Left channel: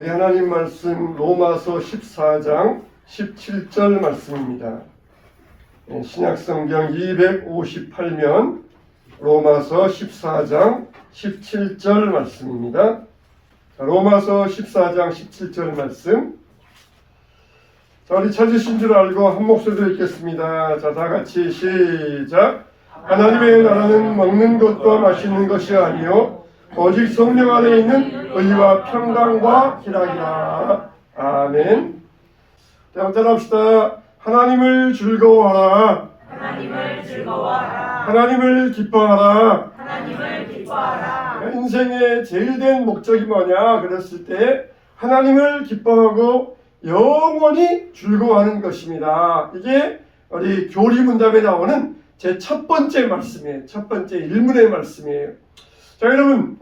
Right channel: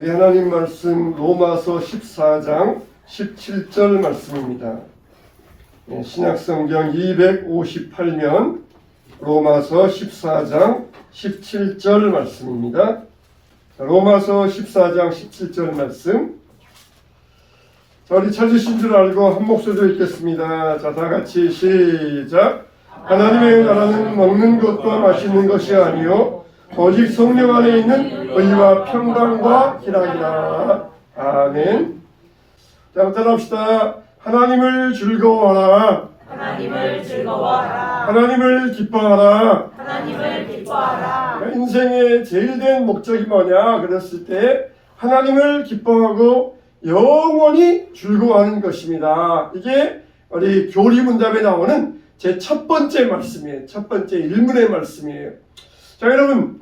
하나님 말씀 로마서 14장 17절 말씀입니다. 신약성경 258면 로마서 14장 17절 말씀입니다. 로마서 14장 17절 말씀. 우리 찾으신 줄 알고 한 목소리로 읽겠습니다. 자, 다 같이 시작. 하나님의 나라는 먹는 것과 마시는 것이 아니요 오직 성령 안에 있는 의와 평강과 희락이라. 아멘. 다음부터 합시다. 하나님을 즐거워하라. 하나님을 즐거워하라. 하나님을 기뻐하라. 하나님을 기뻐하라. 인생의 제일 된 목적이 뭐냐 그랬을 때 하나님을 기뻐하고 영원히 즐거워하는 것입니다. 이게 우리 교리문답에 나오는 제 첫 번째 말씀이에요. 첫 번째 일문의 말씀이에요. 자, 여러분,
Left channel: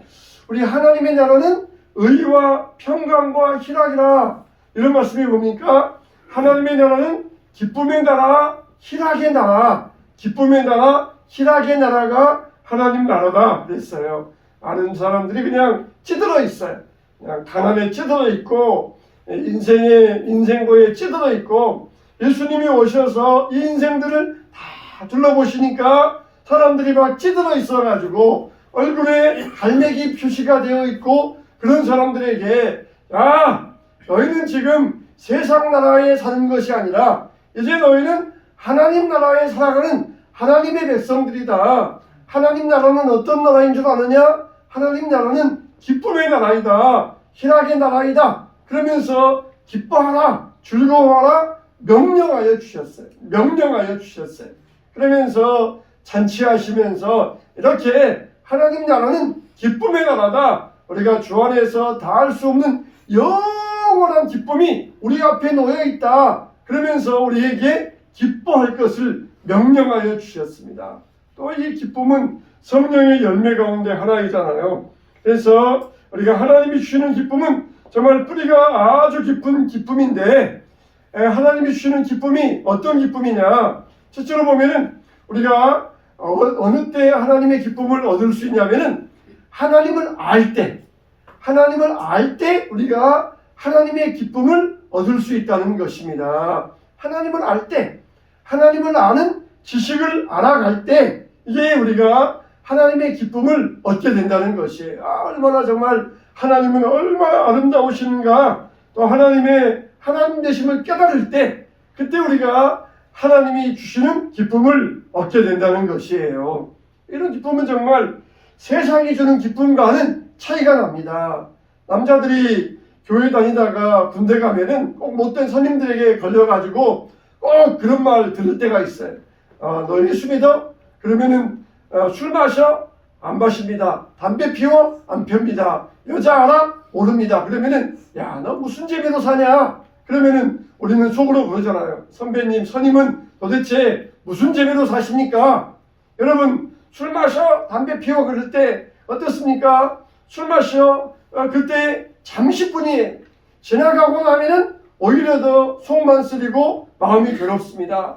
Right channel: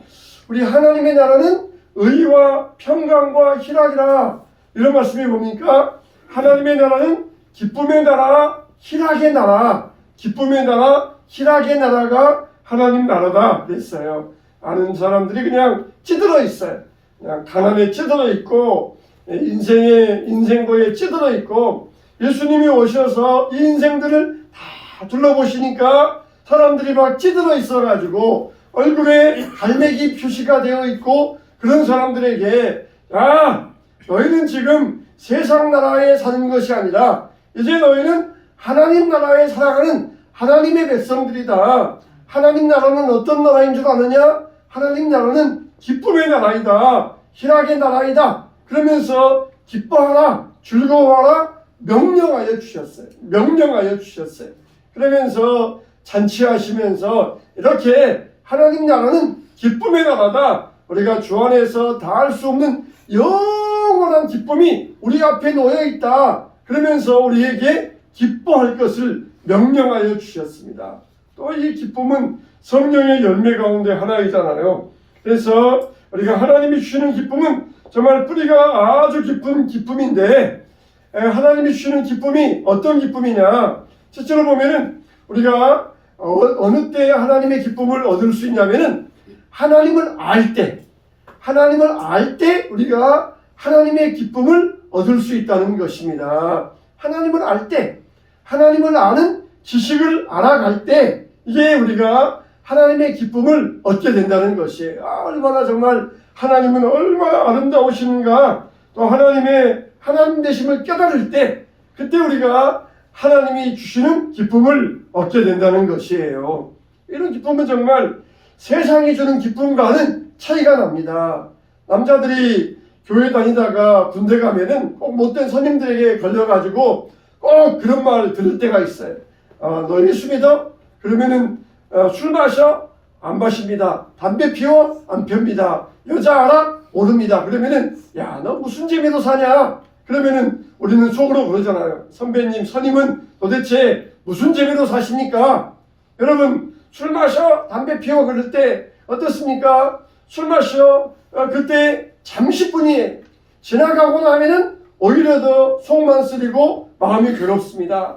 우리 하나님의 나라는 의와 평강과 희락이라. 이런 말씀이 뭡니까? 하나님의 나라는 기쁨의 나라, 희락의 나라. 기쁨의 나라, 희락의 나라가 하나님 나라다 그랬어요. 아는 사람들이 그냥 찌들어 있어요. 그냥 가난에 찌들어 있고 인생고에 찌들어 있고, 예수님이 오셔서 이 인생들을 다 둘러보시니까 사람들이 막 찌들어 있어가지고 얼굴에 갈매기 표시가 되어 있고, 그런 사람들에게 야, 너희는 지금 세상 나라에 사는 것이 아니라 이제 너희는 하나님 나라에 살아가는 하나님의 백성들이다. 하나님 나라는 어떤 나라인 줄 아느냐? 하나님 나라는 기쁨의 나라이다. 희락의 나라이다. 그러면서 기뻐하라, 즐거워하라 명령하여 주셨어요. 명령하여 주셨어요. 그러면서 잔치하시면서 이렇게 하나님 나라는 기쁨의 나라다. 우리가 주 안에서 다 할 수 없는 영원한 기쁨이 우리 앞에 놓여 있다. 그러면서 우리에게 기뻐할 것을 명령하여 주셨습니다. 또 이 기쁨은 성령의 열매 가운데 하나이잖아요. 그래서 우리가 하나님이 주시는 기쁨은 정말 뿌리가 아주 깊은 기쁨인데, 하나님이 주시는 기쁨이 어떤 기쁨이냐? 실제로 보면은 우리가 어느 때 하나님의 기쁨을 얻을 수 있냐면은 하나님을 알 때 우리가 하나님의 기쁨을 얻을 수 있다는 것입니다. 하나님을 알 때, 하나님을 아는 지식을 알아갈 때 이게 우리가 하나님의 기쁨을 얻게 된다는 것이에요. 얼마나 정말 하나님은 얼마나 아름다우시는가, 또 하나님의 하나님 되심을 깨달을 때 그때 우리가 하나님이 주시는 기쁨을 얻게 된다는 것이에요. 이런 기쁨은 정말 세상이 주는 기쁨과는 차이가 납니다. 남자들이 교회 다니다가 군대 가면은 꼭 못된 선임들에게 걸려가지고 꼭 그런 말 들을 때가 있어요. 너 예수 믿어? 그러면은 술 마셔? 안 마십니다. 담배 피워? 안 펴입니다. 여자 알아? 모릅니다. 그러면은 야, 너 무슨 재미로 사냐? 그러면은 우리는 속으로 그러잖아요. 선배님, 선임은 도대체 무슨 재미로 사십니까? 여러분, 술 마셔? 담배 피워? 그럴 때 어떻습니까? 술 마셔? 그때 잠시뿐이에요. 지나가고 나면은 오히려 더 속만 쓰리고 마음이 괴롭습니다.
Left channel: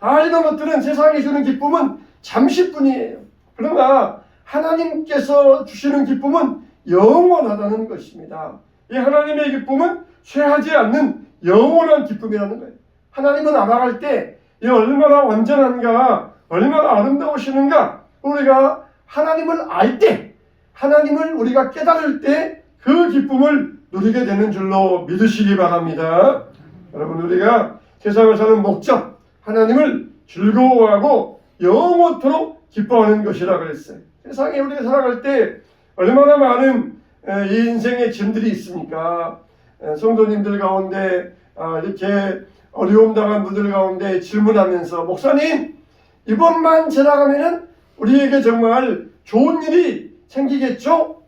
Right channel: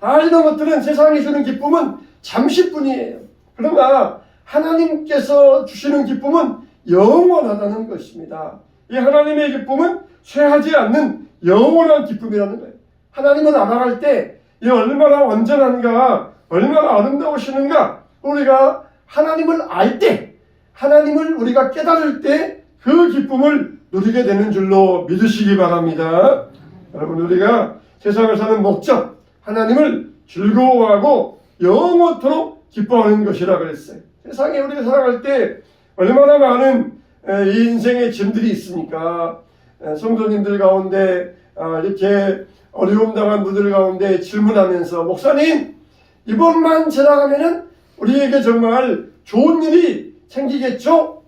다 이런 것들은 세상이 주는 기쁨은 잠시뿐이에요. 그러나 하나님께서 주시는 기쁨은 영원하다는 것입니다. 이 하나님의 기쁨은 쇠하지 않는 영원한 기쁨이라는 거예요. 하나님을 알아갈 때 이 얼마나 완전한가, 얼마나 아름다우시는가, 우리가 하나님을 알 때, 하나님을 우리가 깨달을 때 그 기쁨을 누리게 되는 줄로 믿으시기 바랍니다. 여러분, 우리가 세상을 사는 목적, 하나님을 즐거워하고 영원토록 기뻐하는 것이라 그랬어요. 세상에 우리가 살아갈 때 얼마나 많은 이 인생의 짐들이 있습니까? 성도님들 가운데 이렇게 어려움 당한 분들 가운데 질문하면서, 목사님, 이번만 지나가면은 우리에게 정말 좋은 일이 생기겠죠?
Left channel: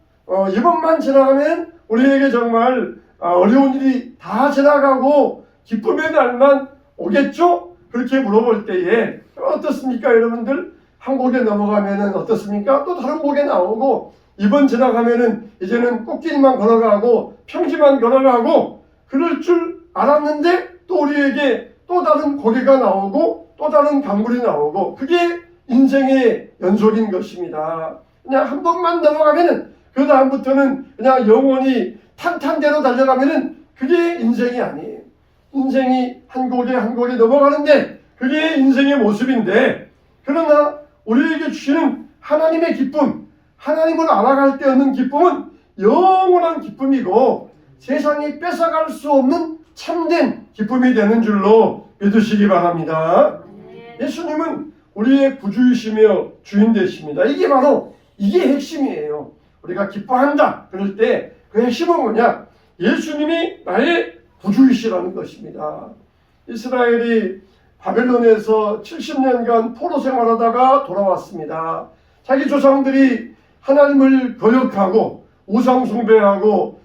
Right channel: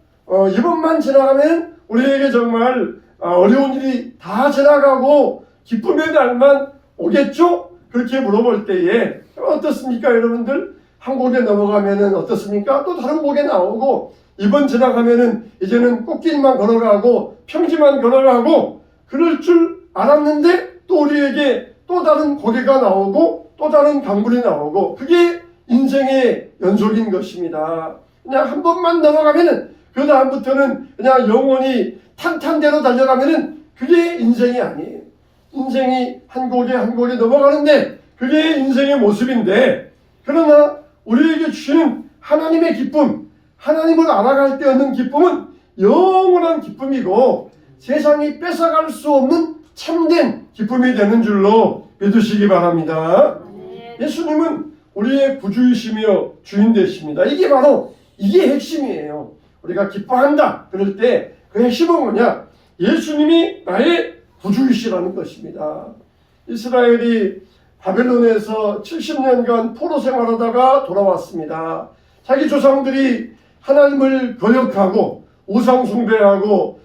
이번만 지나가면 우리에게 정말 어려운 일이 다 지나가고 기쁨의 날만 오겠죠? 그렇게 물어볼 때에 어떻습니까, 여러분들? 한 곡에 넘어가면은 어떻습니까? 또 다른 곡에 나오고, 이번 지나가면은 이제는 꽃길만 걸어가고 평지만 걸어가고 그럴 줄 알았는데 또 우리에게 또 다른 고개가 나오고 또 다른 강물이 나오고, 그게 인생의 연속인 것입니다. 그냥 한 번만 넘어가면은 그 다음부터는 그냥 영원히 탄탄대로 달려가면은 그게 인생이 아니에요. 인생이 한 곡에 한 곡에 넘어가는데 그게 인생의 모습인데, 그러나 우리에게 주시는 하나님의 기쁨, 하나님을 알아갈 때 얻는 기쁨은 영원한 기쁨이고 세상이 뺏어갈 수 없는 참된 기쁨이 되는 줄로 믿으시기 바랍니다. 예수님은 우리의 구주이시며 주인 되십니다. 이게 핵심이에요. 우리가 기뻐한다 그럴 때 그 핵심은 뭐냐? 예수님이 나의 구주이시라는 것입니다. 이스라엘이 바벨론에서 70년간 포로 생활하다가 돌아왔습니다. 자기 조상들이 하나님을 거역하고 우상 숭배하고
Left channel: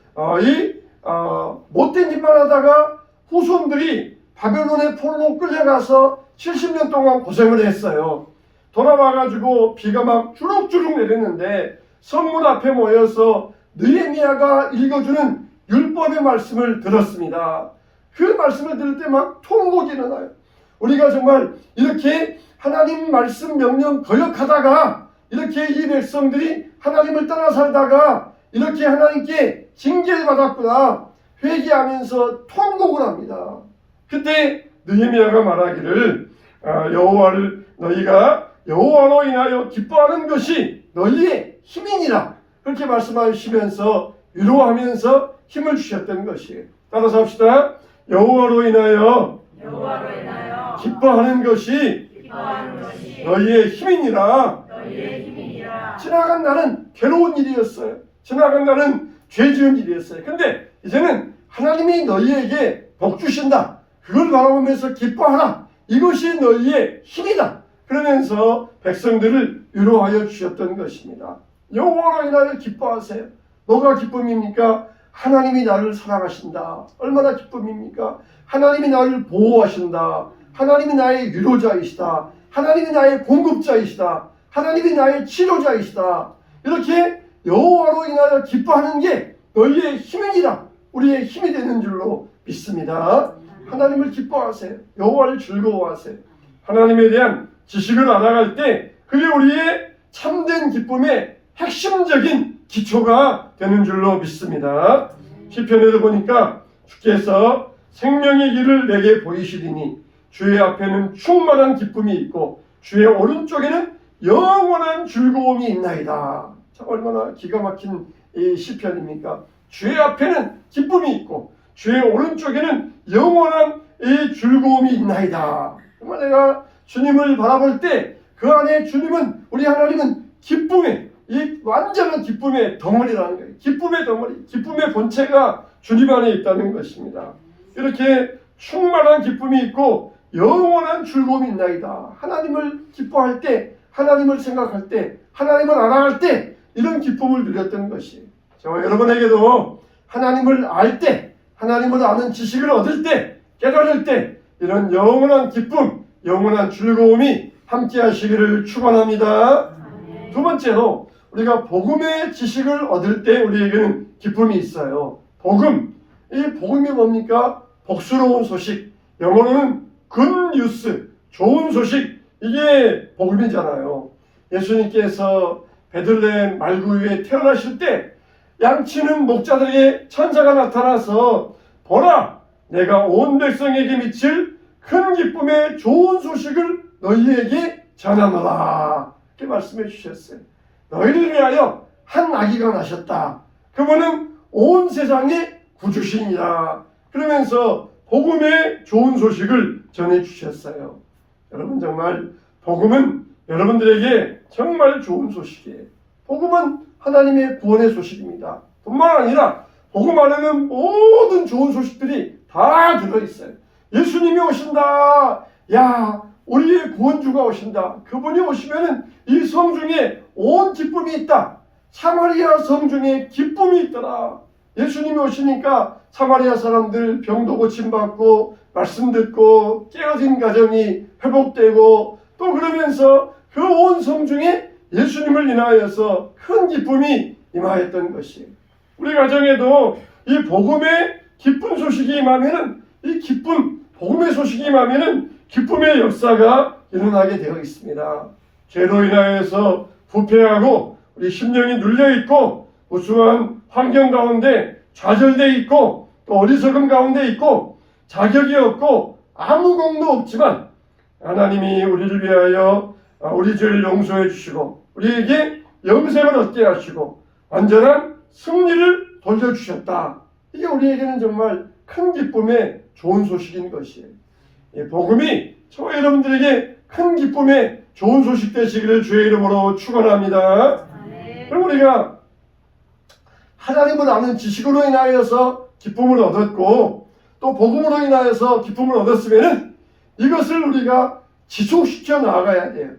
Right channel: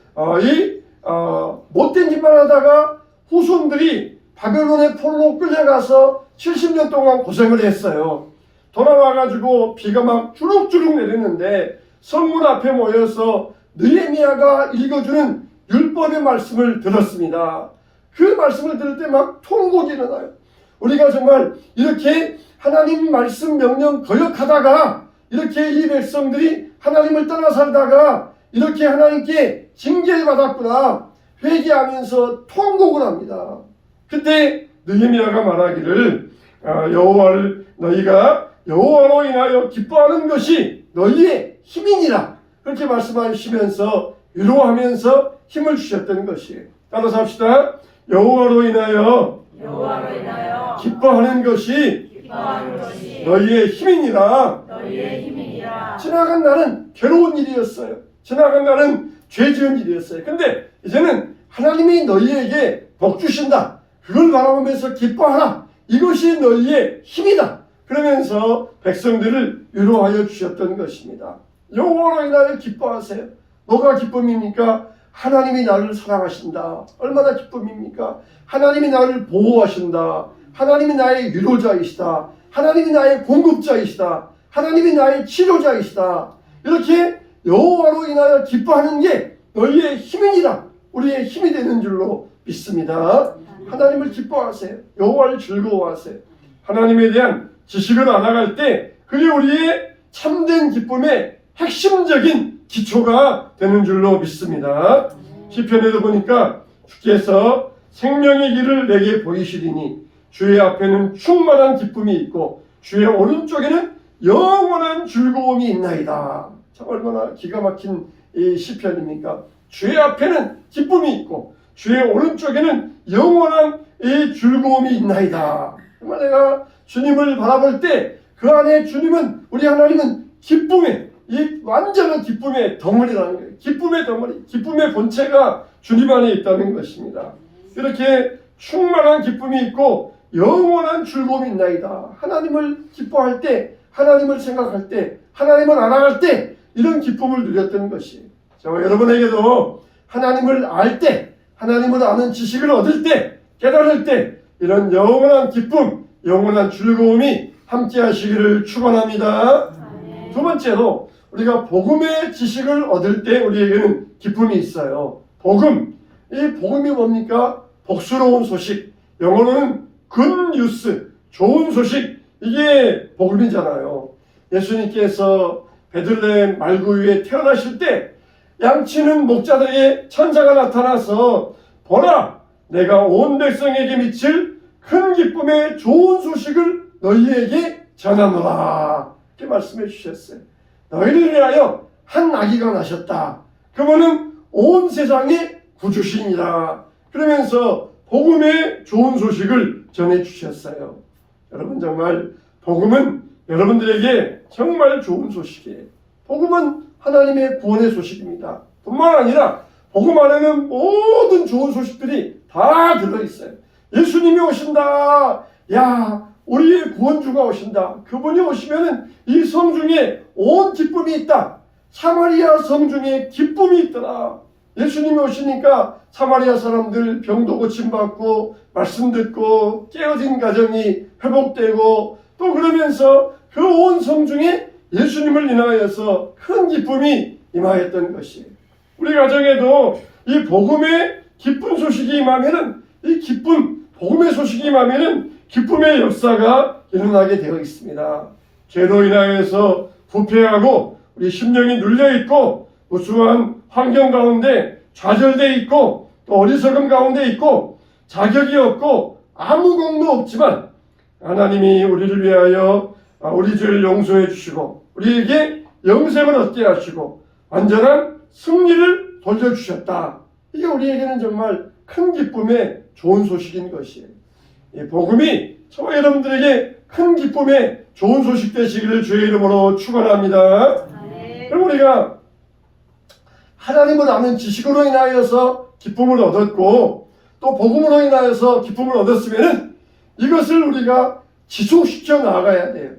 못된 짓만 하다가 후손들이 바벨론의 포로로 끌려가서 70년 동안 고생을 했어요. 돌아와가지고 비가 막 주룩주룩 내리는데 성문 앞에 모여서 느헤미야가 읽어주는 율법의 말씀을 들었습니다. 그 말씀을 들을 때 막 통곡이 일어나요. 우리가 정말 이렇게 하나님 말씀 명령 거역하다가 이렇게 이 백성들이 하나님을 떠나 살다가 이렇게 하나님께 징계를 받았구나 회개하면서 통곡을 합니다. 그때 느헤미야가 말하기를 너희가 여호와로 인하여 기뻐하는 것이 너희의 힘이니라, 그렇게 말씀하시면서 위로하면서 힘을 주셨던 것이에요. 따라서 합시다. 여호와로 인하여 기뻐하는 것이 너희의 힘이니라. 지나간 날은 괴로운 일이었어요. 지나간 날은 죄 지은 일이었어요. 근데 이제는 하나님이 너희에게 복 주신다. 그걸 바라보면서 기뻐하라. 이것이 너희의 힘이다. 그러면서 백성들을 위로하여 주셨던 것입니다. 여호와로 인하여 기뻐하세요. 뭐가 기쁨입니까? 하나님이 나를 사랑하신다. 얼마나 기쁨입니까? 하나님이 나를 보호하신다. 하나님이 나의 위로자이시다. 하나님이 나의 공급자이시다. 하나님이 나의 치료자이시다. 이렇게 여호와로 인하여 기뻐하는 게 너희의 힘이니라. 우리의 힘이 되는 줄로 믿습니다. 하나님을 기뻐하세요. 여호와를 즐거워하세요. 하나님에 대한 지식을 알아갈 때 그게 우리의 참된 기쁨의 핵심적인 기초가 되는 줄로 믿습니다. 시편에도 보니까 주께서 생명의 길을 내게 보이시리니 주의 앞에는 충만한 기쁨이 있고 주의 오른쪽에는 영원한 즐거움이 있나이다. 참 얼마나 기가 막힌 이 시편입니까? 주의 앞에는 기쁨이 있고 주의 오른쪽에는 영원한 이 즐거움이 있나이다. 정말 내가 주님을 바라볼 때 그 안에 주님은, 우리 하나님은 기쁨의, 이 완전한 기쁨의 덩어리라는 거예요. 기쁨의 덩어리, 기쁨의 본체가 주님 안에 있다는 것입니다. 이렇게 충만한 기쁨이 있고 영원한 즐거움이 있나이다. 하나님을 기뻐할 때, 하나님을 생각할 때, 하나님을 알아갈 때 이런 기쁨을 누렸던 것이에요. 저와 여러분에게도 하나님을 알 때, 하나님을 아는 지식을 얻을 때, 깨달을 때 이런 영원한 기쁨, 영원한 즐거움이 함께 하시기를 축원합니다. 두 번째로 우리가 복음의 지식을 얻을 때 우리에게는 기쁨이 있어요. 복음, 이 복음이 뭡니까? 복스러운 소식, 영어로는 good news, 좋은 소식, 이게 복음이잖아요. 예수님께서 베들레헴 말구유에 태어나실 때 양치는 목자들에게 천사가 나타나서 보라, 내가 온 백성에게 미칠 큰 기쁨의 좋은 소식을 너희에게 전하노라, 이렇게 말씀해 주셨어요. 너희를 위하여 한 아기가 나셨다. 그분은 온 세상의 구주시니라. 그러면서 복음의 좋은 소식을 전해 주셨어요. 여러분, 정말 복음은 여러분들에게 정말 좋은 소식이에요. 복음은 하나님의 구원의 소식입니다. 뿐만 아니라 복음 안에는 모든 좋은 소식들이 다 들어있어요. 예수님이 오신다. 야, 우리의 구원주가 오신다. 그분이 오시면은 이 성중에 온 기쁨이 있다. 사마리아 성중에 기쁨이 있더라. 예수님이 오시니까 사마리아 사람들 병도 고침받고 말씀 듣고 깨어진 가정이 회복되고, 또 그러면서 그 온 성중에 예수님을 인하여서 큰 기쁨이 임하였던 것이에요. 우리 가정에도 이 복음의 기쁜 소식이 임하면은, 이 기쁨, 복음의 소식이 임하면은 기쁨의 역사가 일어나게 되어 있습니다. 죄로 인하여서 부패하고 우리 심령이 눌려있고 우수한 환경 가운데 좌절돼 있고 또 어리석음 가운데 있고 자격이 없고 아무 공도 없지만 하나님이 우리를 위하여 우리 죄를 용서해 주시고 우리에게 영생을 얻게 하시고 완전한 승리를 돌려주셨다. 이게 우리에게는 정말 큰 기쁨의 좋은 소식인 것이에요. 이 복음이 저와 여러분들에게 큰 기쁨의 좋은 소식 되시기를 주의 이름으로 축원합니다. 그럼 우리가 하나님을 아는 지식으로 인하여서 기쁨을 얻었고 또 복음으로 인하여서 기쁨을 얻었으면은 이것을 우리가 지속시켜 나아가야 돼요.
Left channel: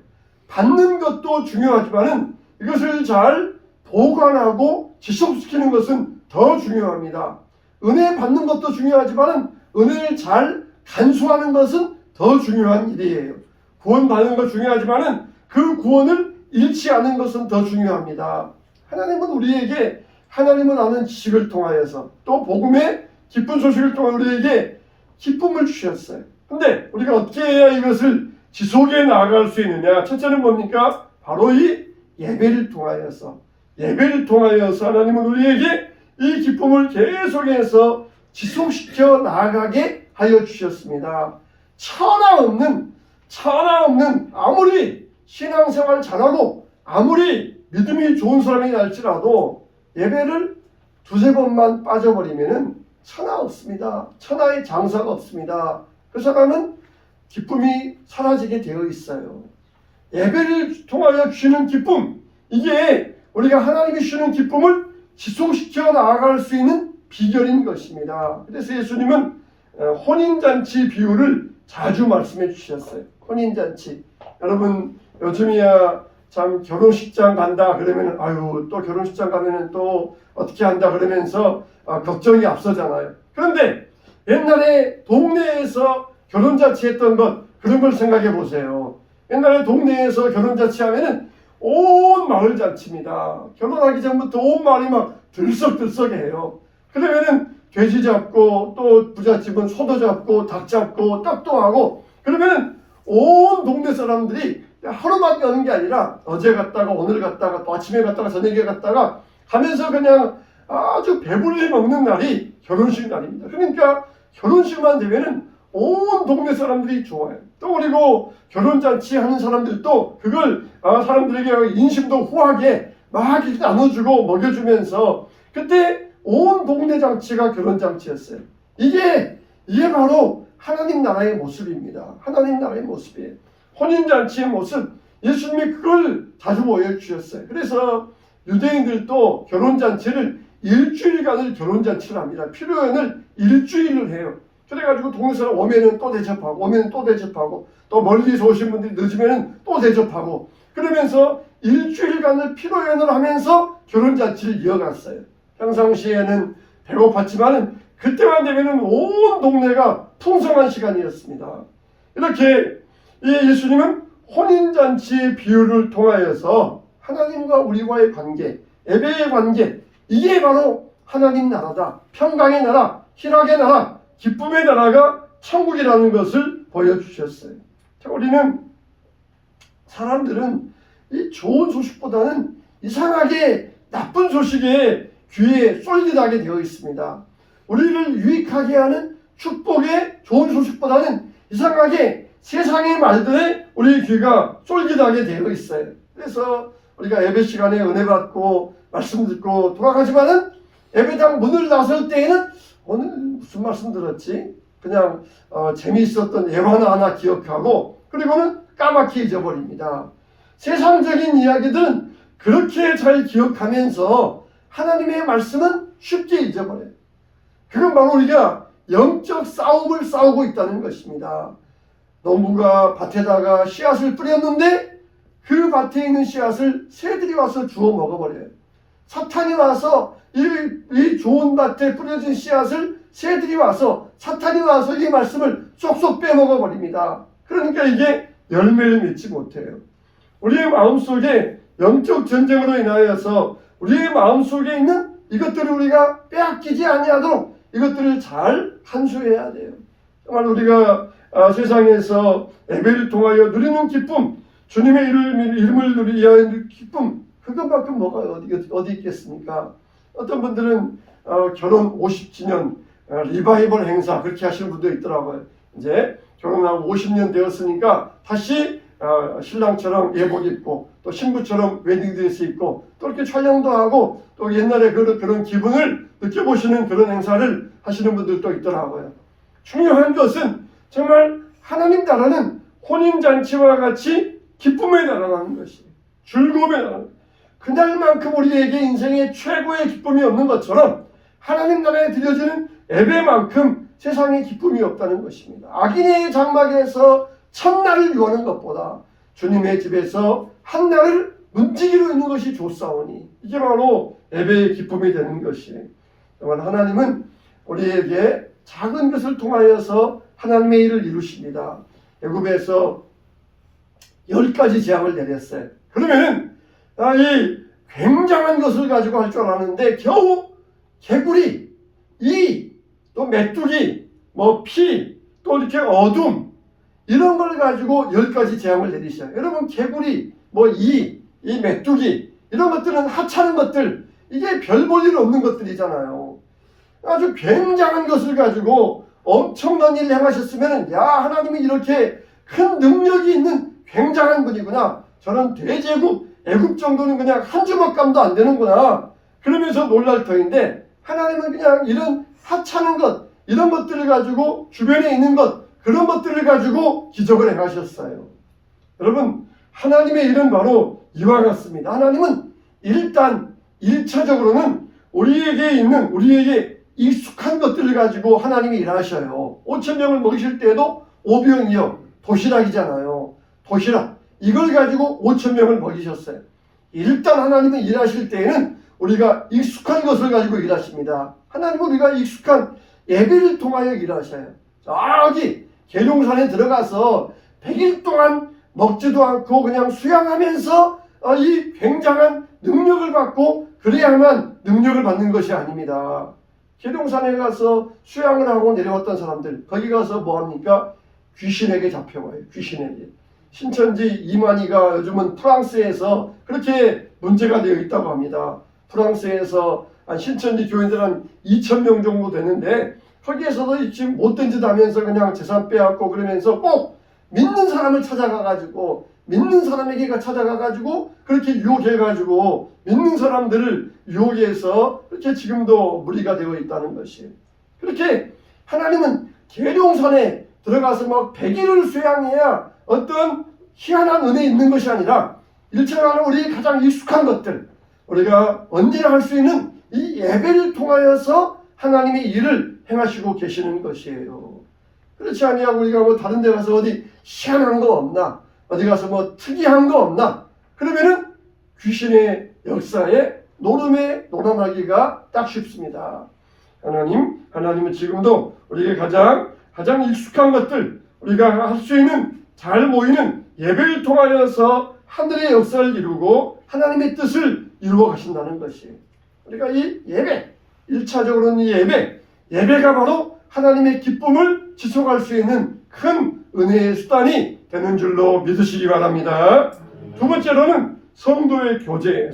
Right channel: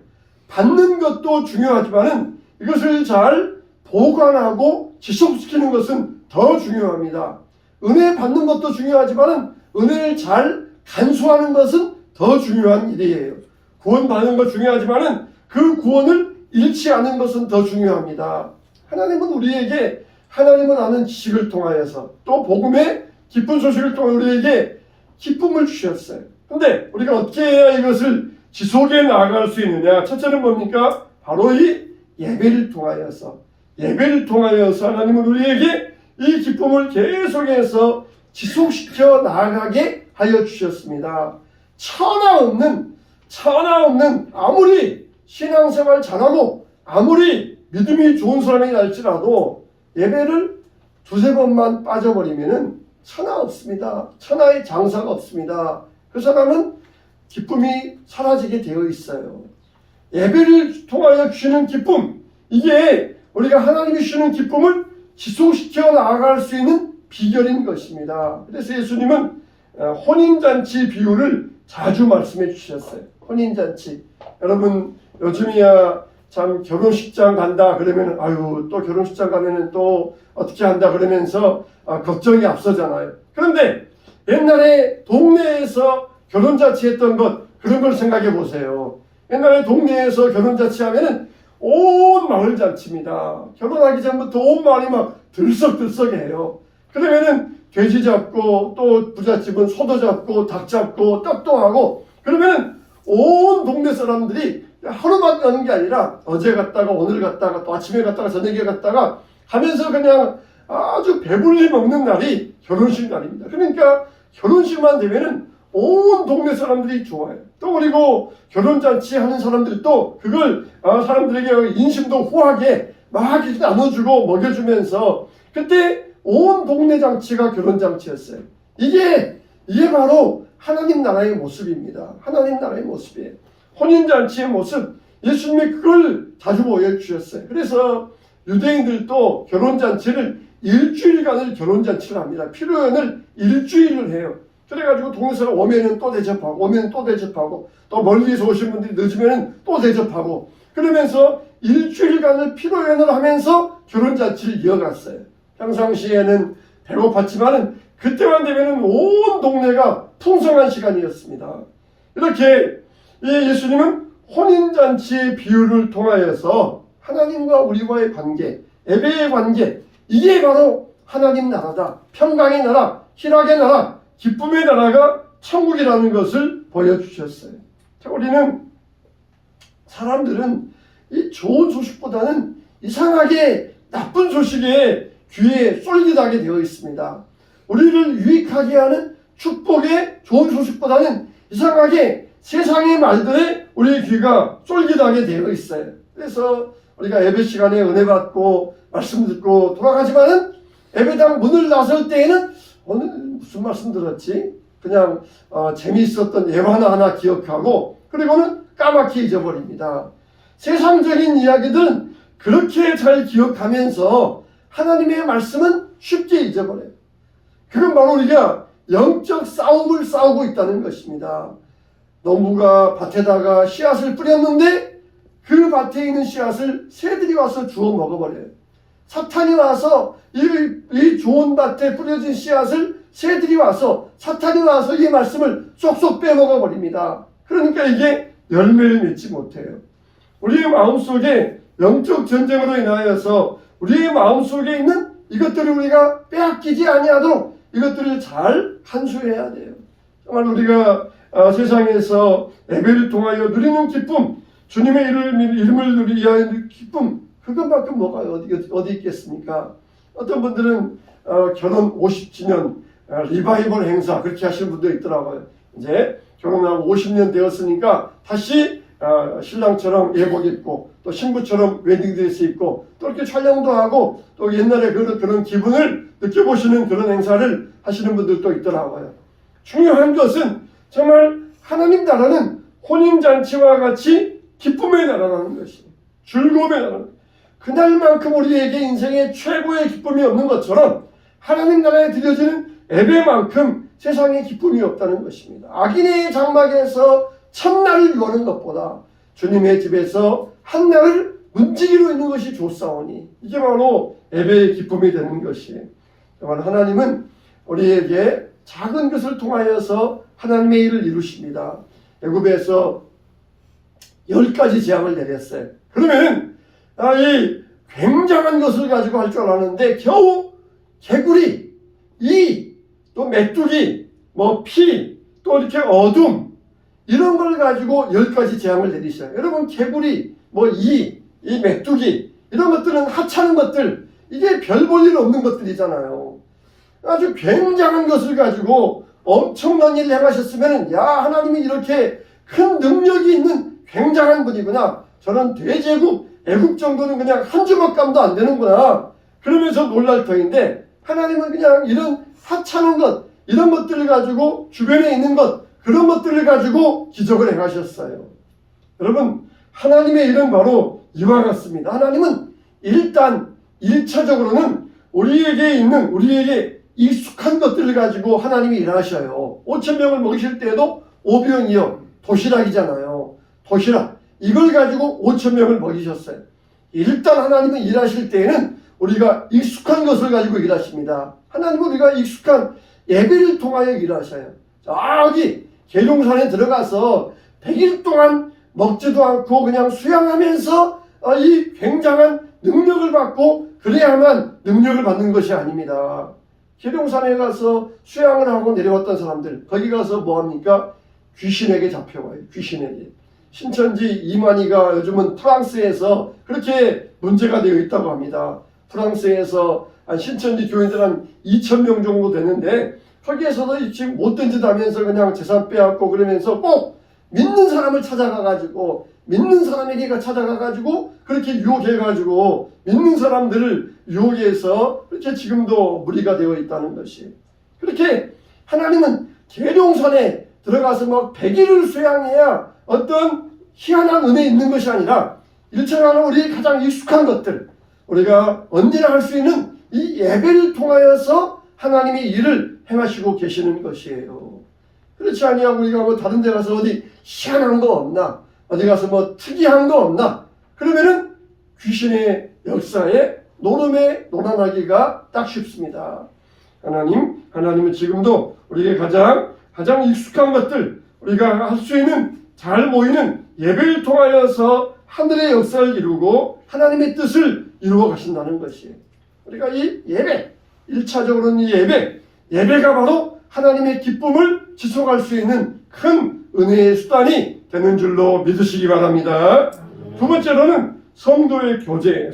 받는 것도 중요하지만은 이것을 잘 보관하고 지속시키는 것은 더 중요합니다. 은혜 받는 것도 중요하지만은 은혜를 잘 간수하는 것은 더 중요한 일이에요. 구원 받는 것 중요하지만은 그 구원을 잃지 않은 것은 더 중요합니다. 하나님은 우리에게 하나님을 아는 지식을 통하여서 또 복음의 기쁜 소식을 통해 우리에게 기쁨을 주셨어요. 근데 우리가 어떻게 해야 이것을 지속해 나아갈 수 있느냐? 첫째는 뭡니까? 바로 이 예배를 통하여서 하나님은 우리에게 이 기쁨을 계속해서 지속시켜 나아가게 하여 주셨습니다. 천하 없는 아무리 신앙생활 잘하고 아무리 믿음이 좋은 사람이 날지라도 예배를 두세 번만 빠져버리면은 천하 없습니다. 천하의 장사가 없습니다. 그 사람은 기쁨이 사라지게 되어 있어요. 예배를 통하여 주시는 기쁨, 이게 우리가 하나님이 주시는 기쁨을 지속시켜 나아갈 수 있는 비결인 것입니다. 그래서 예수님은 혼인잔치 비유를 자주 말씀해 주셨어요. 혼인잔치. 여러분 요즘이야 참 결혼식장 간다 그러면 아유 또 결혼식장 가면은 또 어떻게 한다 그러면서 걱정이 앞서잖아요. 그런데 옛날에 동네에서 결혼잔치 했던 것 그런 걸 생각해 보세요. 옛날에 동네에서 결혼잔치 하면은 온 마을 잔치입니다. 결혼하기 전부터 온 마을이 막 들썩들썩해요. 그러면은 돼지 잡고 또 부잣집은 소도 잡고 닭 잡고 떡도 하고 그러면은 온 동네 사람들이 하루만 가는 게 아니라 어제 갔다가 오늘 갔다가 또 아침에 갔다가 저녁에 갔다가 하면서 그냥 아주 배불리 먹는 날이 결혼식 날입니다. 그러니까 결혼식만 되면은 온 동네 사람들이 좋아요. 또 그리고 결혼잔치 하는 사람들도 그걸 사람들에게 인심도 후하게 막 이렇게 나눠주고 먹여주면서 그때 온 동네 잔치가 결혼잔치였어요. 이게 바로 하나님 나라의 모습입니다. 하나님 나라의 모습이에요. 혼인잔치의 모습, 예수님이 그걸 자주 보여주셨어요. 그래서 유대인들도 결혼잔치를 일주일간을 결혼잔치를 합니다. 피로연을 일주일을 해요. 그래가지고 동네 사람 오면은 또 대접하고 또 멀리서 오신 분들이 늦으면은 또 대접하고 그러면서 일주일간을 피로연을 하면서 결혼잔치를 이어갔어요. 평상시에는 배고팠지만은 그때만 되면은 온 동네가 풍성한 시간이었습니다. 이렇게 이 예수님은 혼인잔치의 비유를 통하여서 하나님과 우리와의 관계, 예배의 관계, 이게 바로 하나님 나라다. 평강의 나라, 희락의 나라, 기쁨의 나라가 천국이라는 것을 보여주셨어요. 우리는 사람들은 이 좋은 소식보다는 이상하게 나쁜 소식에 귀에 쏠깃하게 되어 있습니다. 우리를 유익하게 하는 축복의 좋은 소식보다는 이상하게 세상의 말들에 우리의 귀가 쏠깃하게 되어 있어요. 그래서 우리가 예배 시간에 은혜 받고 말씀 듣고 돌아가지만은 예배당 문을 나설 때에는 오늘 무슨 말씀 들었지? 그냥 재미있었던 예화나 하나 기억하고 그리고는 까맣게 잊어버립니다. 세상적인 이야기들은 그렇게 잘 기억하면서 하나님의 말씀은 쉽게 잊어버려요. 그건 바로 우리가 영적 싸움을 싸우고 있다는 것입니다. 농부가 밭에다가 씨앗을 뿌렸는데 그 밭에 있는 씨앗을 새들이 와서 주워 먹어버려요. 사탄이 와서 이 좋은 밭에 뿌려진 씨앗을 새들이 와서 사탄이 와서 이 말씀을 쏙쏙 빼먹어버립니다. 그러니까 이게 열매를 맺지 못해요. 우리의 마음속에 영적 전쟁으로 인하여서 우리의 마음속에 있는 이것들을 우리가 빼앗기지 아니하도록 이것들을 잘 간수해야 돼요. 정말 우리가 세상에서 예배를 통하여 누리는 기쁨, 주님의 이름을 위하여 기쁨, 그것밖에 뭐가 어디 있겠습니까? 어떤 분들은 결혼 50주년 리바이벌 행사 그렇게 하시는 분도 있더라고요. 이제 결혼하고 50년 되었으니까 다시 신랑처럼 예복 입고 또 신부처럼 웨딩드레스 입고 또 이렇게 촬영도 하고 또 옛날에 그런 기분을 느껴보시는 그런 행사를 하시는 분들도 있더라고요. 중요한 것은 정말 하나님 나라는 혼인잔치와 같이 기쁨의 나라라는 것이 즐거움의 나라. 그날만큼 우리에게 인생에 최고의 기쁨이 없는 것처럼 하나님 나라에 드려지는 예배만큼 세상에 기쁨이 없다는 것입니다. 악인의 장막에서 첫날을 유하는 것보다 주님의 집에서 한 날을 문지기로 있는 것이 좋사오니 이게 바로 예배의 기쁨이 되는 것이 정말 하나님은 우리에게 작은 것을 통하여서 하나님의 일을 이루십니다. 애굽에서 10가지 재앙을 내렸어요. 그러면은 이 굉장한 것을 가지고 할 줄 알았는데 겨우 개구리, 또 메뚜기, 피, 또 이렇게 어둠 이런 걸 가지고 10가지 재앙을 내리셔요. 여러분 개구리, 이 메뚜기 이런 것들은 하찮은 것들 이게 별 볼 일 없는 것들이잖아요. 아주 굉장한 것을 가지고 엄청난 일을 행하셨으면 야 하나님이 이렇게 큰 능력이 있는 굉장한 분이구나. 저는 대제국 애국 정도는 그냥 한 주먹감도 안 되는구나. 그러면서 놀랄 터인데 하나님은 그냥 이런 하찮은 것 이런 것들을 가지고 주변에 있는 것 그런 것들을 가지고 기적을 행하셨어요. 여러분 하나님의 일은 바로 이와 같습니다. 하나님은 일단 1차적으로는 우리에게 익숙한 것들을 가지고 하나님이 일하셔요. 5,000명을 먹이실 때에도 오병이어 도시락이잖아요. 도시락 이걸 가지고 5,000명을 먹이셨어요. 일단 하나님은 일하실 때에는 우리가 익숙한 것을 가지고 일하십니다. 하나님은 우리가 익숙한 예배를 통하여 일하셔요. 저기 계룡산에 들어가서 100일 동안 먹지도 않고 그냥 수양하면서 이 굉장한 능력을 받고 그래야만 능력을 받는 것이 아닙니다. 계룡산에 가서 수양을 하고 내려왔던 사람들 거기 가서 뭐합니까? 귀신에게 잡혀가요. 귀신에게. 신천지 이만희가 요즘은 프랑스에서 그렇게 문제가 되어 있다고 합니다. 프랑스에서 신천지 교인들 한 2,000명 정도 되는데 거기에서도 지금 못된 짓 하면서 그냥 재산 빼앗고 그러면서 꼭 믿는 사람을 찾아가가지고 믿는 사람에게 찾아가가지고 그렇게 유혹해가지고 믿는 사람들을 유혹해서 그렇게 지금도 무리가 되어 있다는 것이 그렇게 하나님은 계룡산에 들어가서 막 100일을 수양해야 어떤 희한한 은혜 있는 것이 아니라 1차적으로 우리 가장 익숙한 것들 우리가 언제나 할 수 있는 이 예배를 통하여서 하나님의 일을 행하시고 계시는 것이에요. 그렇지 아니하고 우리가 다른 데 가서 어디 희한한 거 없나 어디 가서 특이한 거 없나 그러면은 귀신의 역사에 노름에 놀아나기가 딱 쉽습니다. 하나님은 지금도 우리에게 가장 익숙한 것들 우리가 할 수 있는 잘 모이는 예배를 통하여서 하늘의 역사를 이루고 하나님의 뜻을 이루어 가신다는 것이 우리가 이 예배 1차적으로는 이 예배가 바로 하나님의 기쁨을 지속할 수 있는 큰 은혜의 수단이 되는 줄로 믿으시기 바랍니다. 두 번째로는 성도의 교제.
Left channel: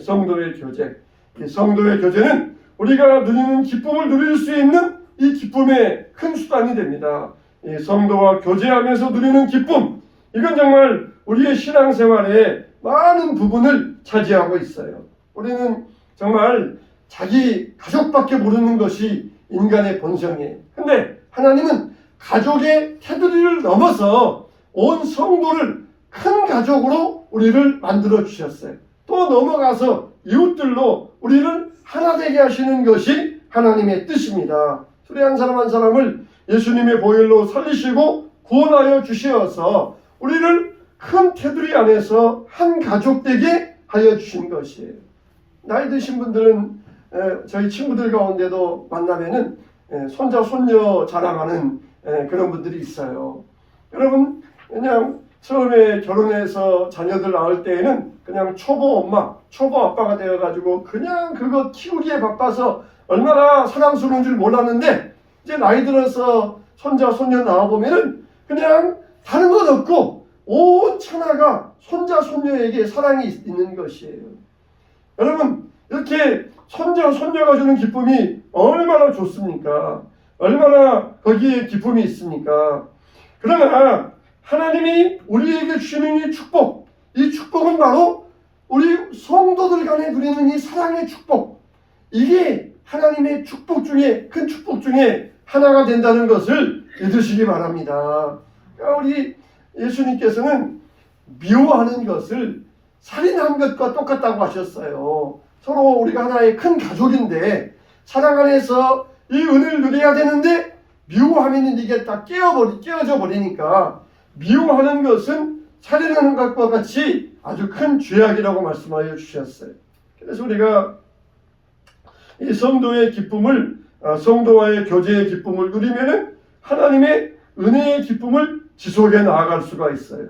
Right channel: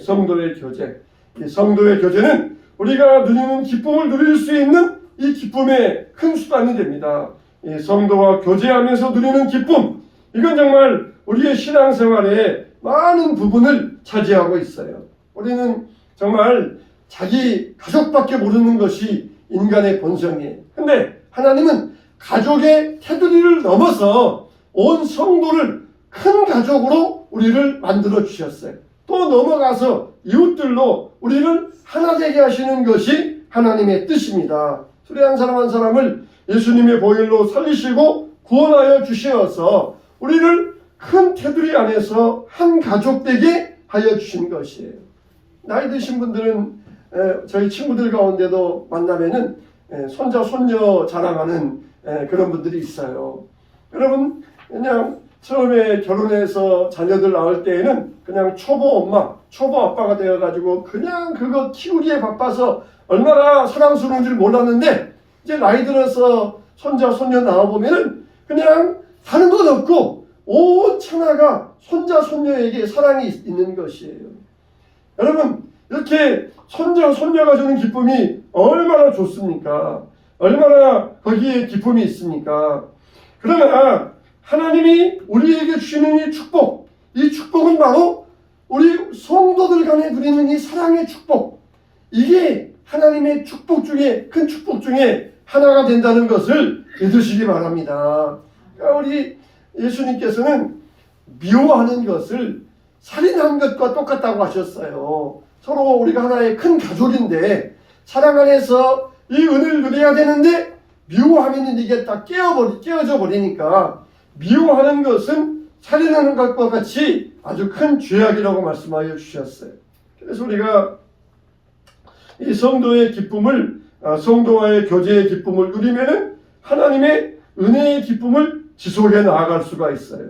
이 성도의 교제는 우리가 누리는 기쁨을 누릴 수 있는 이 기쁨의 큰 수단이 됩니다. 이 성도와 교제하면서 누리는 기쁨 이건 정말 우리의 신앙생활에 많은 부분을 차지하고 있어요. 우리는 정말 자기 가족밖에 모르는 것이 인간의 본성이에요. 근데 하나님은 가족의 테두리를 넘어서 온 성도를 큰 가족으로 우리를 만들어 주셨어요. 또 넘어가서 이웃들로 우리를 하나 되게 하시는 것이 하나님의 뜻입니다. 수레 사람 한 사람을 예수님의 보혈로 살리시고 구원하여 주시어서 우리를 큰 테두리 안에서 한 가족 되게 하여 주신 것이에요. 나이 드신 분들은 저희 친구들 가운데도 만나면은 손자 손녀 자랑하는 그런 분들이 있어요. 여러분 그냥 처음에 결혼해서 자녀들 낳을 때에는 그냥 초보 엄마, 초보 아빠가 되어가지고 그냥 그거 키우기에 바빠서 얼마나 사랑스러운 줄 몰랐는데 이제 나이 들어서 손자 손녀 낳아보면은 그냥 다른 것 없고 온 천하가 손자 손녀에게 사랑이 있는 것이에요. 여러분 이렇게 손녀가 주는 기쁨이 얼마나 좋습니까? 얼마나 거기에 기쁨이 있습니까? 그러나 하나님이 우리에게 주시는 이 축복은 바로 우리 성도들 간에 누리는 이 사랑의 축복, 이게 하나님의 축복 중에 큰 축복 중에 하나가 된다는 것을 믿으시기 바랍니다. 그러니까 우리 예수님께서는 미워하는 것을 살인한 것과 똑같다고 하셨어요. 서로 우리가 하나의 큰 가족인데 사랑 안에서 이 은혜를 누려야 되는데 미워하면 이게 딱 깨어져 버리니까 미워하는 것은 살인하는 것과 같이 아주 큰 죄악이라고 말씀하여 주셨어요. 그래서 우리가 이 성도의 기쁨을, 성도와의 교제의 기쁨을 누리면은 하나님의 은혜의 기쁨을 지속해 나아갈 수가 있어요.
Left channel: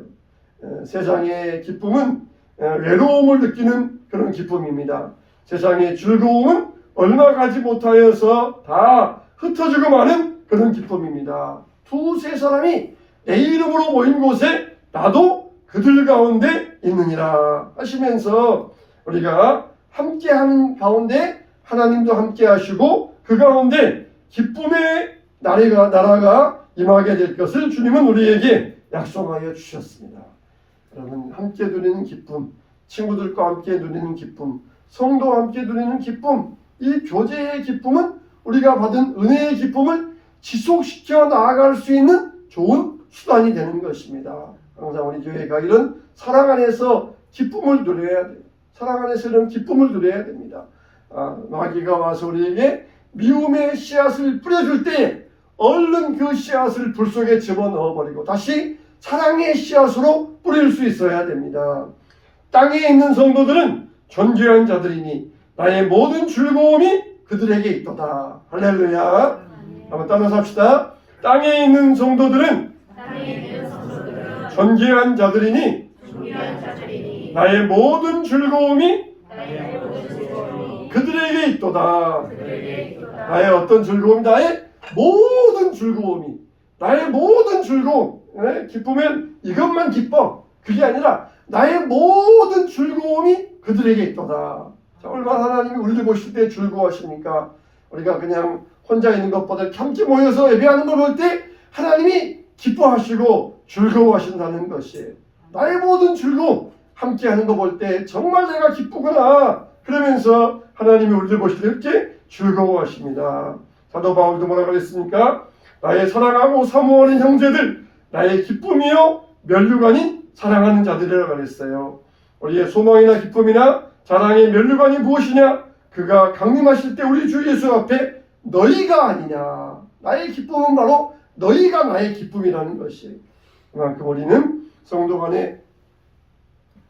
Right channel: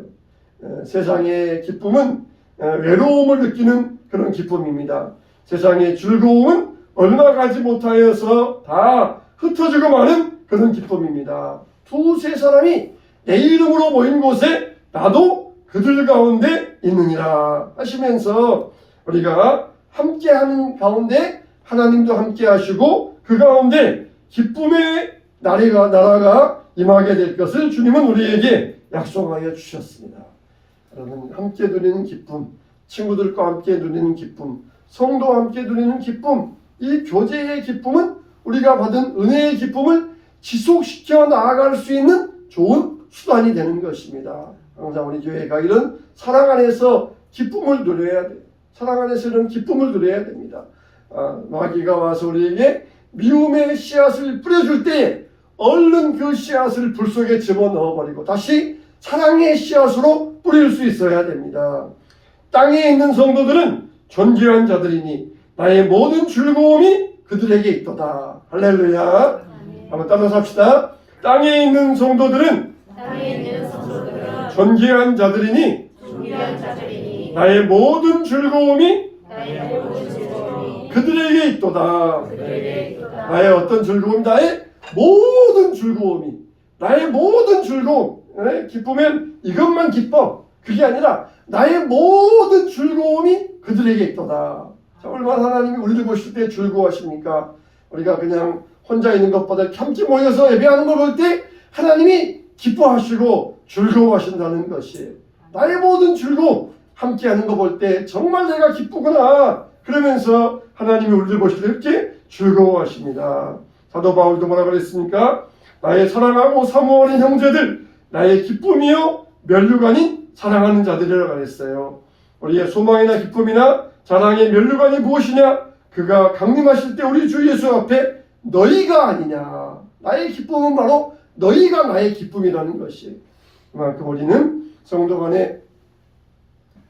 세상의 기쁨은 외로움을 느끼는 그런 기쁨입니다. 세상의 즐거움은 얼마 가지 못하여서 다 흩어지고 마는 그런 기쁨입니다. 두세 사람이 내 이름으로 모인 곳에 나도 그들 가운데 있느니라 하시면서 우리가 함께하는 가운데 하나님도 함께 하시고 그 가운데 기쁨의 나라가 임하게 될 것을 주님은 우리에게 약속하여 주셨습니다. 여러분, 함께 누리는 기쁨, 친구들과 함께 누리는 기쁨, 성도와 함께 누리는 기쁨, 이 교제의 기쁨은 우리가 받은 은혜의 기쁨을 지속시켜 나아갈 수 있는 좋은 수단이 되는 것입니다. 항상 우리 교회가 이런 사랑 안에서 기쁨을 누려야 돼요. 사랑 안에서 이런 기쁨을 누려야 됩니다. 마귀가 와서 우리에게 미움의 씨앗을 뿌려줄 때 얼른 그 씨앗을 불 속에 집어넣어버리고 다시 사랑의 씨앗으로 뿌릴 수 있어야 됩니다. 땅에 있는 성도들은 존귀한 자들이니 나의 모든 즐거움이 그들에게 있도다. 할렐루야. 한번 따라서 합시다. 땅에 있는 성도들은 존귀한 자들이니 나의 모든 즐거움이 그들에게 있도다. 나의 어떤 즐거움이, 나의 모든 즐거움이, 나의 모든 즐거움, 기쁘면 이것만 기뻐, 그게 아니라 나의 모든 즐거움이 그들에게 있도다. 자, 얼마나 하나님이 우리를 보실 때 즐거워하십니까? 우리가 그냥 혼자 있는 것보다 함께 모여서 예배하는 걸 볼 때 하나님이 기뻐하시고 즐거워하신다는 것이에요. 나의 모든 즐거움, 함께하는 거 볼 때 정말 내가 기쁘구나 그러면서 하나님이 우리를 보실 때 이렇게 즐거워하십니다. 사도 바울도 뭐라고 그랬습니까? 나의 사랑하고 사모하는 형제들, 나의 기쁨이요 면류가 아닌 사랑하는 자들이라고 그랬어요. 우리의 소망이나 기쁨이나 자랑의 면류가 아닌 무엇이냐? 그가 강림하실 때 우리 주 예수 앞에 너희가 아니냐. 나의 기쁨은 바로 너희가 나의 기쁨이라는 것이. 그만큼 우리는 성도 간의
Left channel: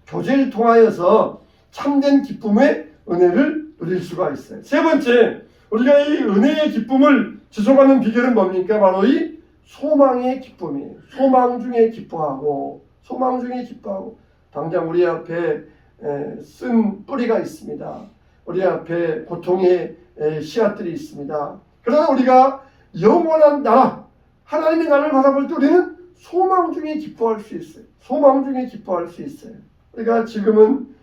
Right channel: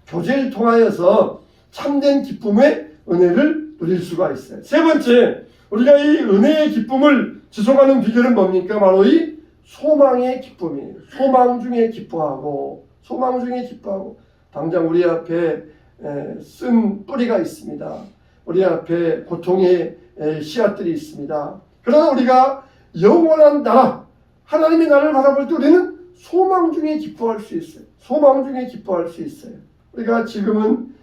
교제를 통하여서 참된 기쁨의 은혜를 누릴 수가 있어요. 세 번째, 우리가 이 은혜의 기쁨을 지속하는 비결은 뭡니까? 바로 이 소망의 기쁨이에요. 소망 중에 기뻐하고, 소망 중에 기뻐하고. 당장 우리 앞에 쓴 뿌리가 있습니다. 우리 앞에 고통의 씨앗들이 있습니다. 그러나 우리가 영원한 나라, 하나님의 나라를 바라볼 때 우리는 소망 중에 기뻐할 수 있어요. 소망 중에 기뻐할 수 있어요. 우리가 지금은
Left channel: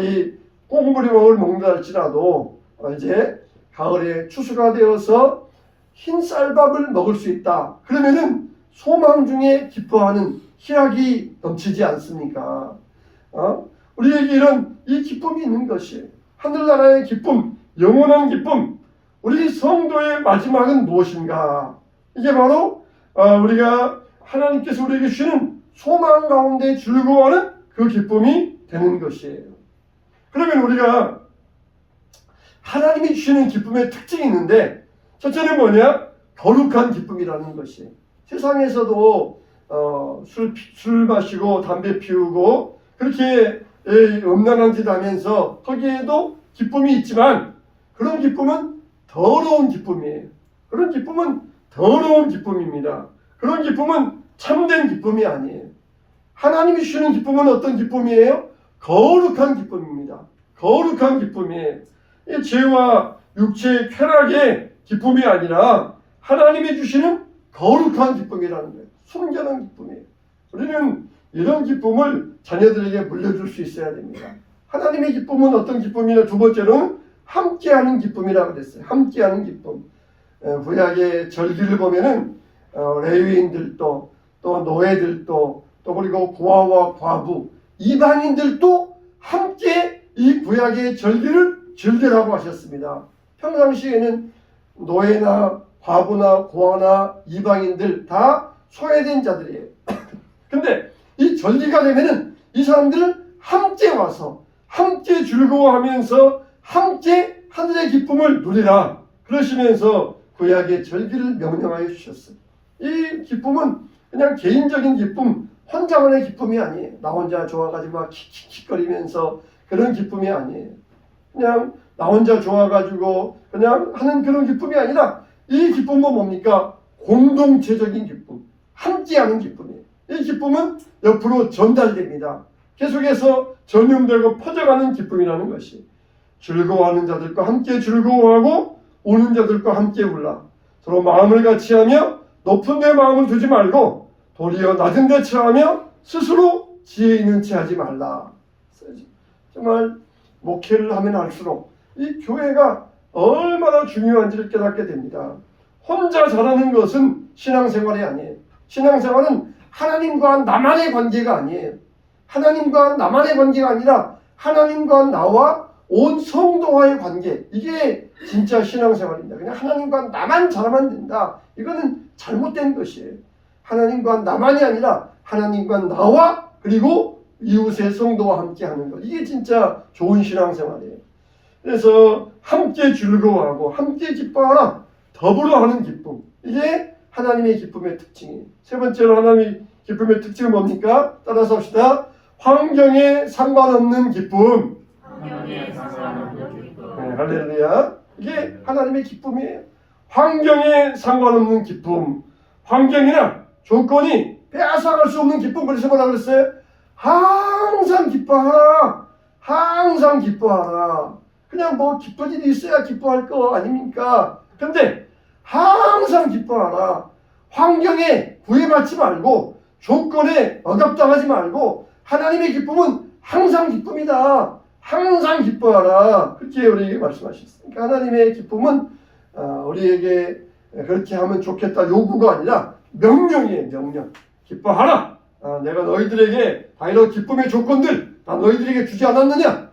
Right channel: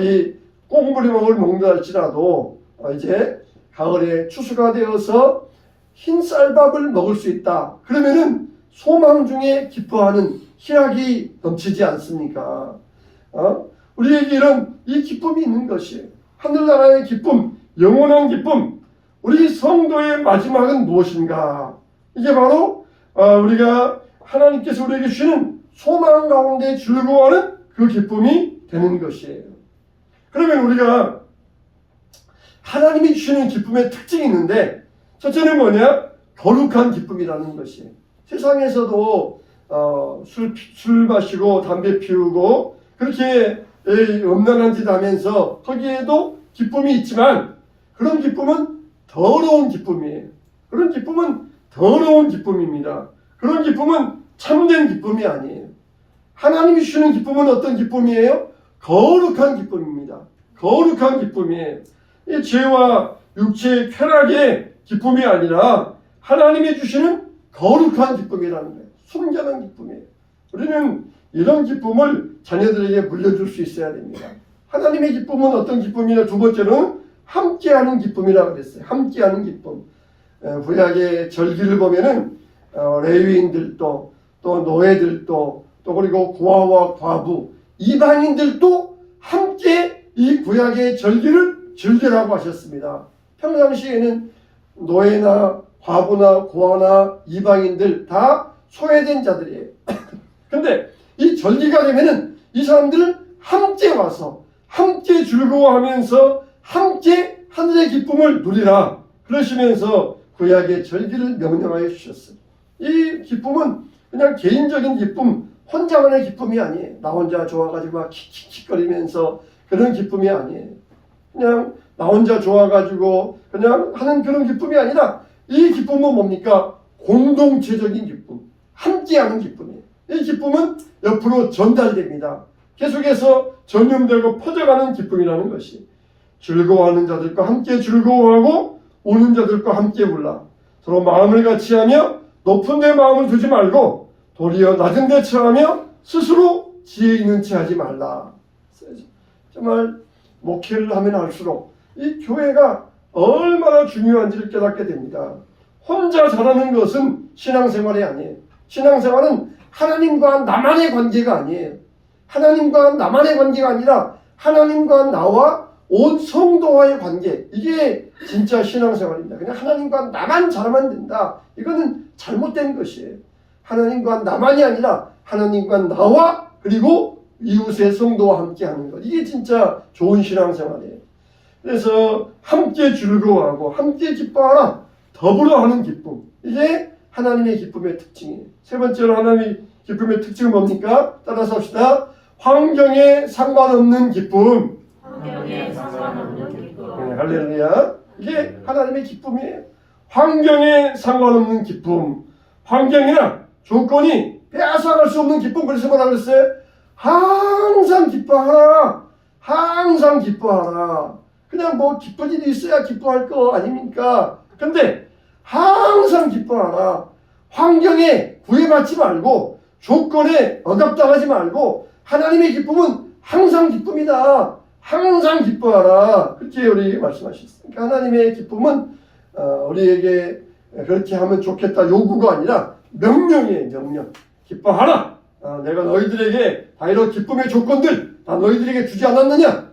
이 꽁부리먹을 먹는다 할지라도 이제 가을에 추수가 되어서 흰 쌀밥을 먹을 수 있다. 그러면은 소망 중에 기뻐하는 희락이 넘치지 않습니까? 우리에게 이런 이 기쁨이 있는 것이에요. 하늘나라의 기쁨, 영원한 기쁨. 우리 성도의 마지막은 무엇인가? 이게 바로 우리가 하나님께서 우리에게 주시는 소망 가운데 즐거워하는 그 기쁨이 되는 것이에요. 그러면 우리가 하나님이 주시는 기쁨의 특징이 있는데 첫째는 뭐냐? 거룩한 기쁨이라는 것이에요. 세상에서도 술 마시고 담배 피우고 그렇게 음란한 짓 하면서 거기에도 기쁨이 있지만 그런 기쁨은 더러운 기쁨이에요. 그런 기쁨은 더러운 기쁨입니다. 그런 기쁨은 참된 기쁨이 아니에요. 하나님이 주시는 기쁨은 어떤 기쁨이에요? 거룩한 기쁨입니다. 거룩한 기쁨이에요. 이 죄와 육체의 쾌락의 기쁨이 아니라 하나님이 주시는 거룩한 기쁨이라는 거예요. 순전한 기쁨이에요. 우리는 이런 기쁨을 자녀들에게 물려줄 수 있어야 됩니다. 하나님의 기쁨은 어떤 기쁨이냐? 두 번째는 함께하는 기쁨이라고 그랬어요. 함께하는 기쁨. 구약의 절기를 보면은 레위인들도 또 노예들도 또 그리고 고아와 과부 이방인들도 함께 이 구약의 절기를 즐기라고 하셨습니다. 평상시에는 노예나 과부나 고아나 이방인들 다 소외된 자들이에요. 근데 이 절기가 되면은 이 사람들은 함께 와서 함께 즐거워하면서 함께 하늘의 기쁨을 누리라 그러시면서 구약의 절기를 명령하여 주셨어요. 이 기쁨은 그냥 개인적인 기쁨, 혼자만의 기쁨이 아니에요. 나 혼자 좋아가지고 막 킥킥거리면서 그런 기쁨이 아니에요. 그냥 나 혼자 좋아가지고 그냥 하는 그런 기쁨이 아니라 이 기쁨은 뭡니까? 공동체적인 기쁨, 함께하는 기쁨이에요. 이 기쁨은 옆으로 전달됩니다. 계속해서 전염되고 퍼져가는 기쁨이라는 것이 즐거워하는 자들과 함께 즐거워하고 우는 자들과 함께 울라. 서로 마음을 같이하며 높은 데 마음을 두지 말고 도리어 낮은 데 처하며 스스로 지혜 있는 채 하지 말라. 정말 목회를 하면 할수록 이 교회가 얼마나 중요한지를 깨닫게 됩니다. 혼자 잘하는 것은 신앙생활이 아니에요. 신앙생활은 하나님과 나만의 관계가 아니에요. 하나님과 나만의 관계가 아니라 하나님과 나와 온 성도와의 관계, 이게 진짜 신앙생활입니다. 그냥 하나님과 나만 잘하면 된다. 이거는 잘못된 것이에요. 하나님과 나만이 아니라 하나님과 나와 그리고 이웃의 성도와 함께 하는 것, 이게 진짜 좋은 신앙생활이에요. 그래서 함께 즐거워하고 함께 기뻐하라. 더불어 하는 기쁨, 이게 하나님의 기쁨의 특징이에요. 세 번째로 하나님의 기쁨의 특징은 뭡니까? 따라서 합시다. 환경에 상관없는 기쁨. 환경에 상관없는 기쁨. 네, 할렐루야. 이게 하나님의 기쁨이에요. 환경에 상관없는 기쁨. 환경이나 조건이 빼앗아갈 수 없는 기쁨. 그래서 뭐라 그랬어요? 항상 기뻐하라. 항상 기뻐하라. 그냥 뭐 기쁜 일이 있어야 기뻐할 거 아닙니까? 근데 항상 기뻐하라. 환경에 구애받지 말고 조건에 억압당하지 말고 하나님의 기쁨은 항상 기쁨이다. 항상 기뻐하라. 그렇게 우리에게 말씀하셨습니다. 하나님의 기쁨은 우리에게 그렇게 하면 좋겠다 요구가 아니라 명령이에요. 명령. 기뻐하라. 내가 너희들에게 다 이런 기쁨의 조건들 다 너희들에게 주지 않았느냐?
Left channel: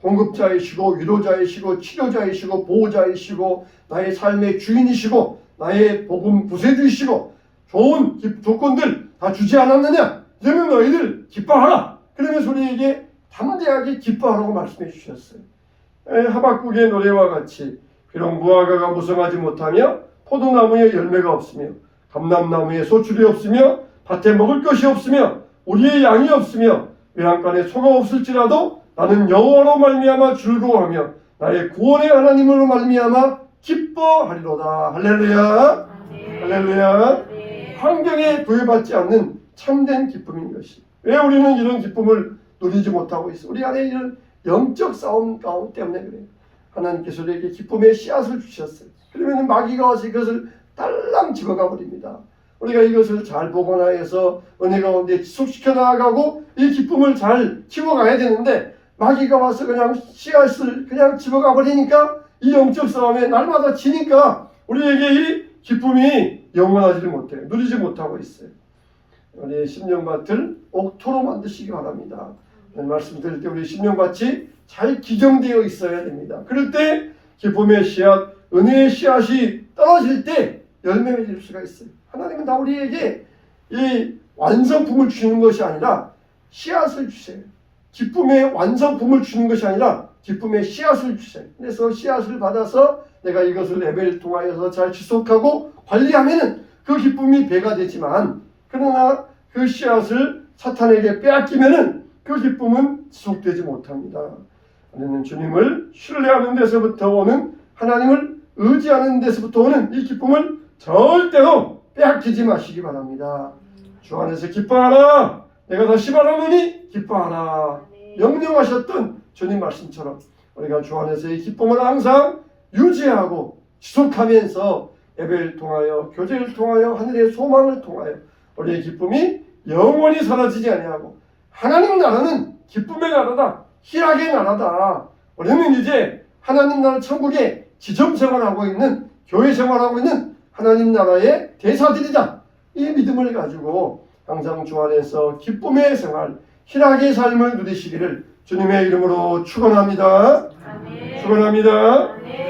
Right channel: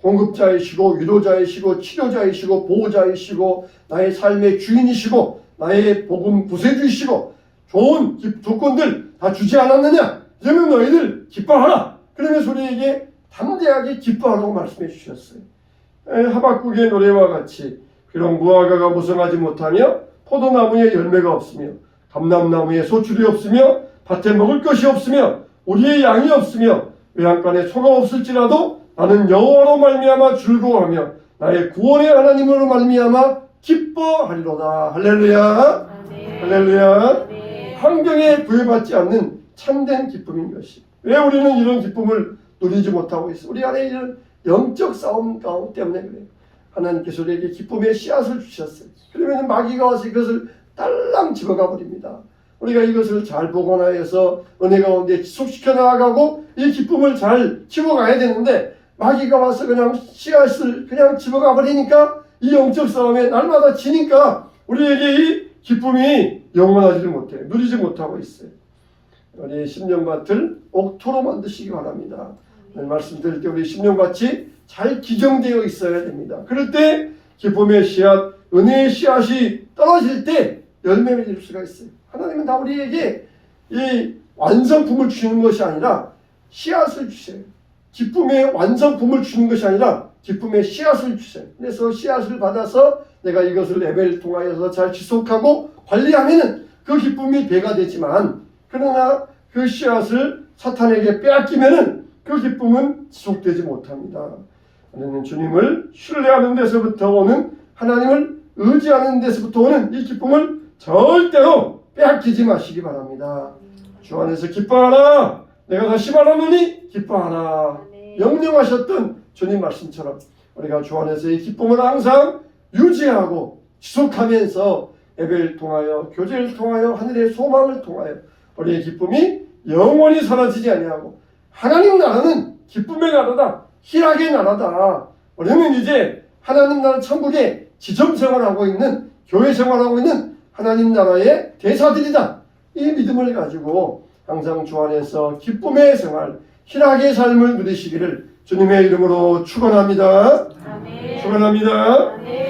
공급자이시고 위로자이시고 치료자이시고 보호자이시고 나의 삶의 주인이시고 나의 복음 구세주이시고 좋은 조건들 다 주지 않았느냐? 그러면 너희들 기뻐하라. 그러면서 우리에게 담대하게 기뻐하라고 말씀해 주셨어요. 하박국의 노래와 같이 그런 무화과가 무성하지 못하며 포도나무에 열매가 없으며 감람나무에 소출이 없으며 밭에 먹을 것이 없으며 우리의 양이 없으며 외양간에 소가 없을지라도 나는 여호와로 말미암아 즐거워하며 나의 구원의 하나님으로 말미암아 기뻐하리로다. 할렐루야. 할렐루야. 환경에 구애받지 않는 참된 기쁨인 것이. 왜 우리는 이런 기쁨을 누리지 못하고 있어? 우리 안에 이런 영적 싸움 때문에 그래요. 하나님께서 우리에게 기쁨의 씨앗을 주셨어요. 그러면 마귀가 와서 이것을 딸랑 집어가 버립니다. 우리가 이것을 잘 보관하여서 은혜 가운데 지속시켜 나가고 이 기쁨을 잘 키워가야 되는데 마귀가 와서 그냥 씨앗을 그냥 집어가 버리니까 이 영적 싸움에 날마다 지니까 우리에게 이 기쁨이 영원하지를 못해요. 누리지 못하고 있어요. 우리 심령밭을 옥토로 만드시기 바랍니다. 말씀드릴 때 우리 심령밭이 잘 기정되어 있어야 됩니다. 그럴 때 기쁨의 씨앗, 은혜의 씨앗이 떨어질 때 열매를 낼 수가 있어요. 하나님은 다 우리에게 이 완성품을 주는 것이 아니라 씨앗을 주세요. 기쁨의 완성품을 주는 것이 아니라 기쁨의 씨앗을 주세요. 그래서 씨앗을 받아서 내가 이것을 레벨을 통하여서 잘 지속하고 관리하면 그 기쁨이 배가 되지만 그러나 그 씨앗을 사탄에게 빼앗기면 그 기쁨은 지속되지 못합니다. 우리는 주님을 신뢰하는 데서부터 오는 하나님을 의지하는 데서부터 오는 이 기쁨을 절대로 빼앗기지 마시기 바랍니다. 주 안에서 기뻐하라. 내가 다시 말하노니 기뻐하라. 명령하셨던 주님 말씀처럼 우리가 주 안에서 이 기쁨을 항상 유지하고 지속하면서 예배를 통하여 교제를 통하여 하늘의 소망을 통하여 우리의 기쁨이 영원히 사라지지 아니하고 하나님 나라는 기쁨의 나라다. 희락의 나라다. 우리는 이제 하나님 나라 천국의 지점 생활하고 있는 교회 생활하고 있는 하나님 나라의 대사들이다. 이 믿음을 가지고 항상 주 안에서 기쁨의 생활, 희락의 삶을 누리시기를 주님의 이름으로 축원합니다. 아멘. 축원합니다. 아멘.